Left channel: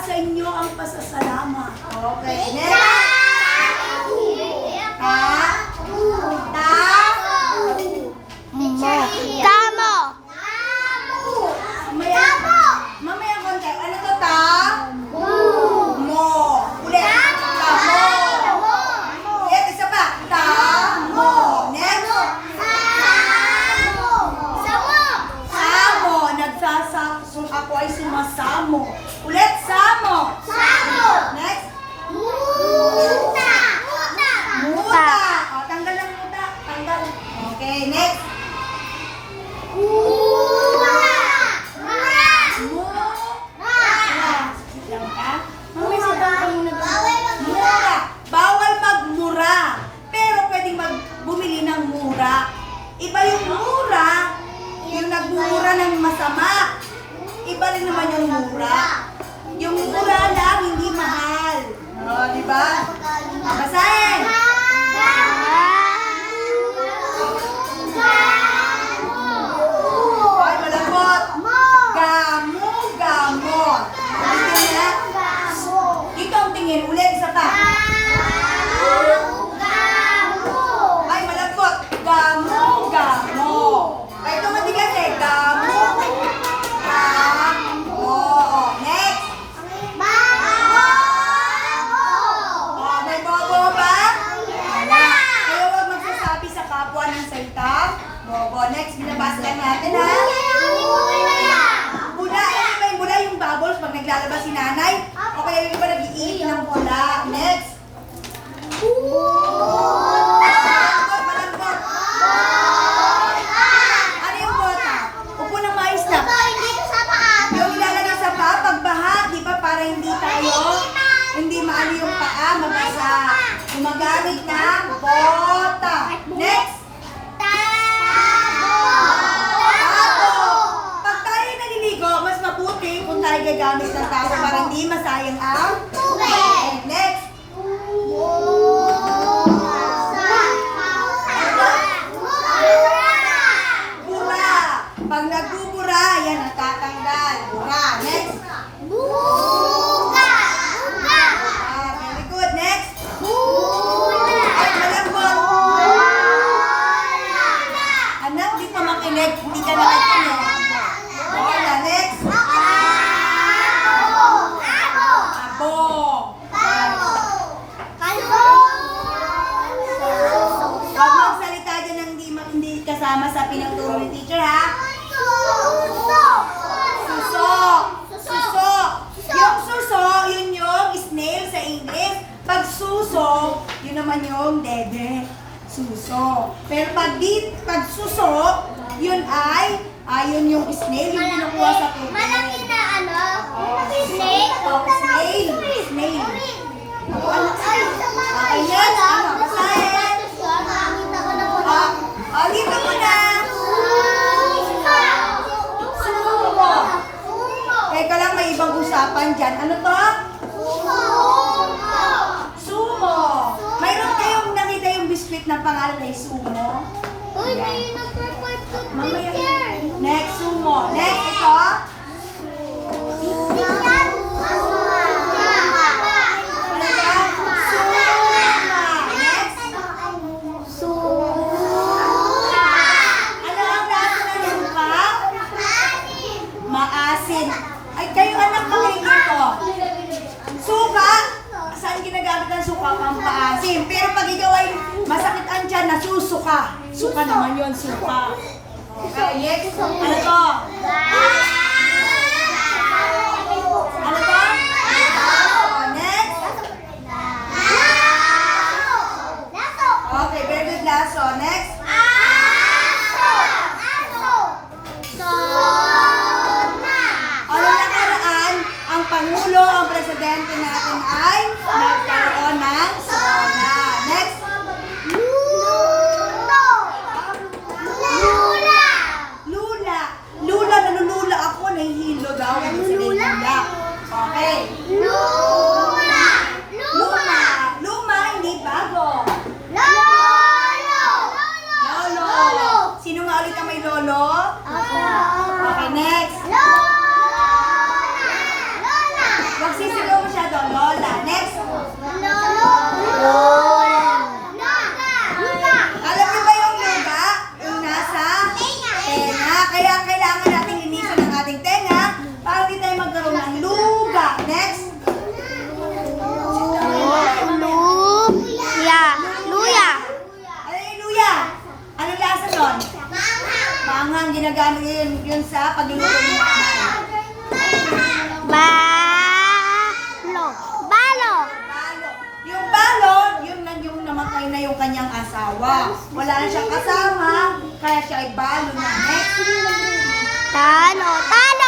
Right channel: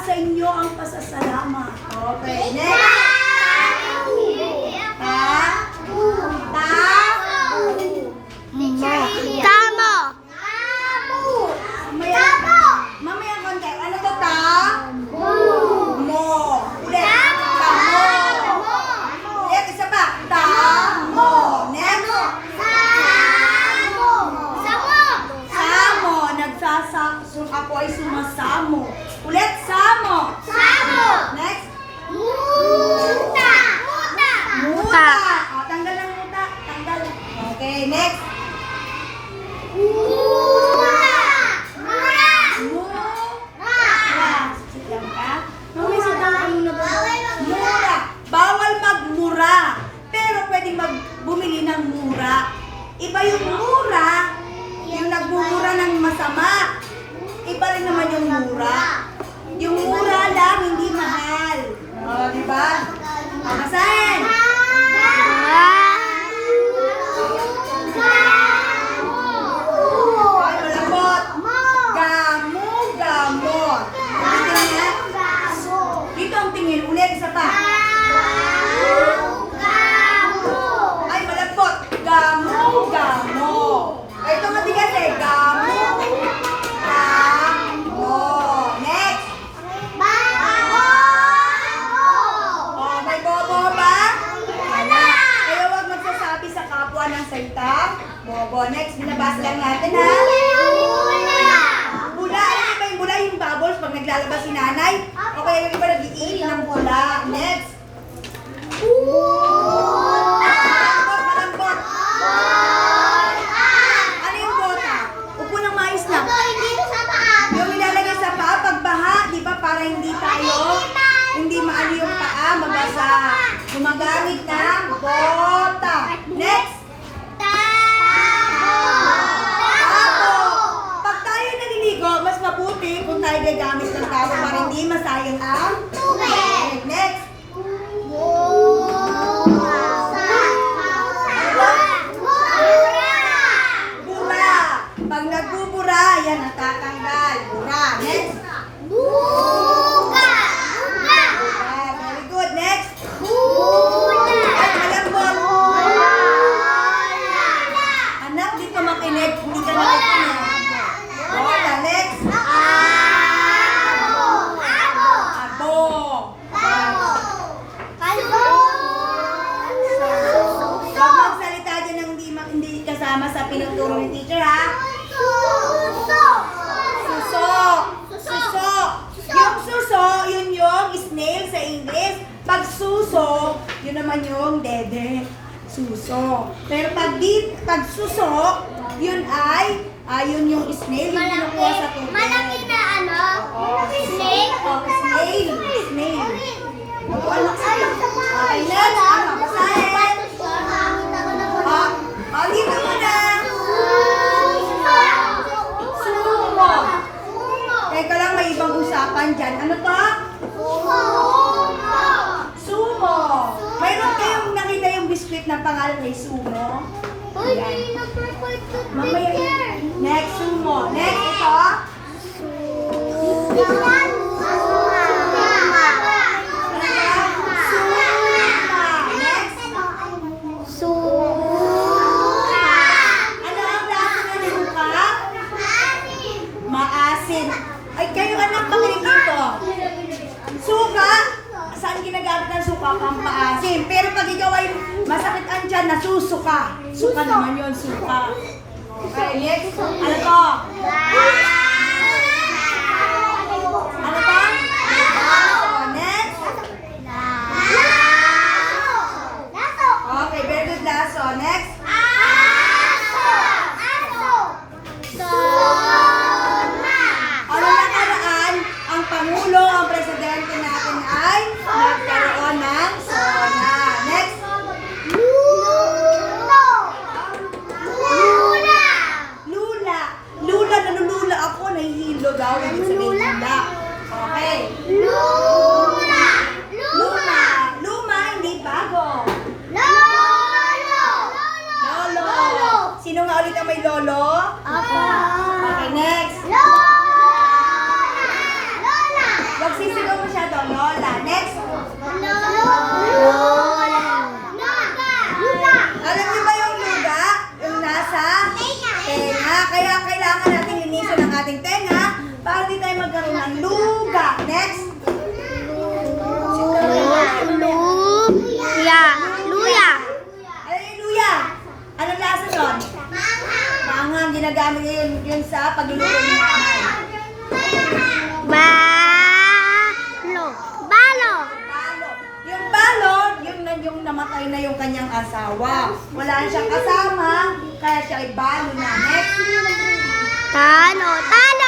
sa inyo ang pasasalamat. Okay, next. Tamo. Mamaya konti. Ano to, ta? Mo. Ulit. Tamo. Ulit, isa pa. Tamo. Next. Samo. Ako ay sumasamo. Ulit, samo. Next. Muta. O, tanggal ang muta. Tanggal. Okay, next. Mura. Sit down ka. Mamaya sit down ka muna ba? Mura. Bawal magmura. Pero pwedeng bumili ng mura. Iba yung mura, yung nagmumura ng masama. Iba rin naman yung mura. Yung mura lang, hindi mahal. O, diba? Basahin. Ay, malambot. Gamot. Ulitin niya. Dito ang tingin. Ulit, isa pa. Ay, malambot. Gamot. Ay, ito matigas eh. Gamot. Next. Oh, may bobo ba? Wala. Kayo huwag magsasabi sa kapwa ng salita. Bobo. Next, binabasa lang natin ha. Bula. Alam niyo ba yung bula? Yung bubbles pag naglalabas si nanay? O kaya yung iba nag-iinit ng bula. Next. Malambot. Ano yung bota? Upo ng mais lang. Yung ilalagay sa paa, pagbaha, di ba? Para hindi maano yung paa, mabasa. Gumagamit ng bota. Next. Tabo. Pag tayo naliligo, mas mabuti kung tayo gagamit ng tabo para hindi masayang ang tubig. Next. Bura. Pag nagbubura, yan natatanggal. Bura. Next. Very good. Next. At malambot. Anak, di ka makinig. Hindi ka nakikinig. Bola. Next. Abo. Huwag magsalita dyan ng hindi kasama sa pinagturo ni teacher, ha? Suso. Yung suso, yun yung snail sa English. Pag suso, yun naman yung dede. Suso. Pero pag suso, yun ay, yun yung snail, yung kinukuha sa tubig. Malaki na ano? Snail. Snail. Okay, next. Ano? Basahin. Dito mo na. Sumo. Teka lang, may ibang usapan dyan. Ano to? Sumo. Mayroon kayong nakita yung biscuit na pangalan ay Sumo? Mamaya. Next, Sumo. Next, ito. Ay, kayo anak, makinig dito. Suka, saan ginagamit ng suka? Pampaasim. Pero pag ikaw ay masakit ang tiyan, nasusuka. Suka naman yun, suka. Okay, next. Ano to? Ano to? Next. Okay, very good, laso. Next. Pangulo, ang presidente natin ay nagkaroon ng SONA. Next. Lula, nalulula ako. Nahihilo daw. Lula. Okay. Luma, hindi bago. Lolo. Sino nga ulit ang may lolo? Okay, next. Wag ang ginagamit ngayon yun sa pagluluto ng nanay. Balo. Balo. Balo. Yung balo, yung namatay na yung kanyang asawa. Wala na siyang kasama, kaya siya ay balo na. Next. Talo. Talo.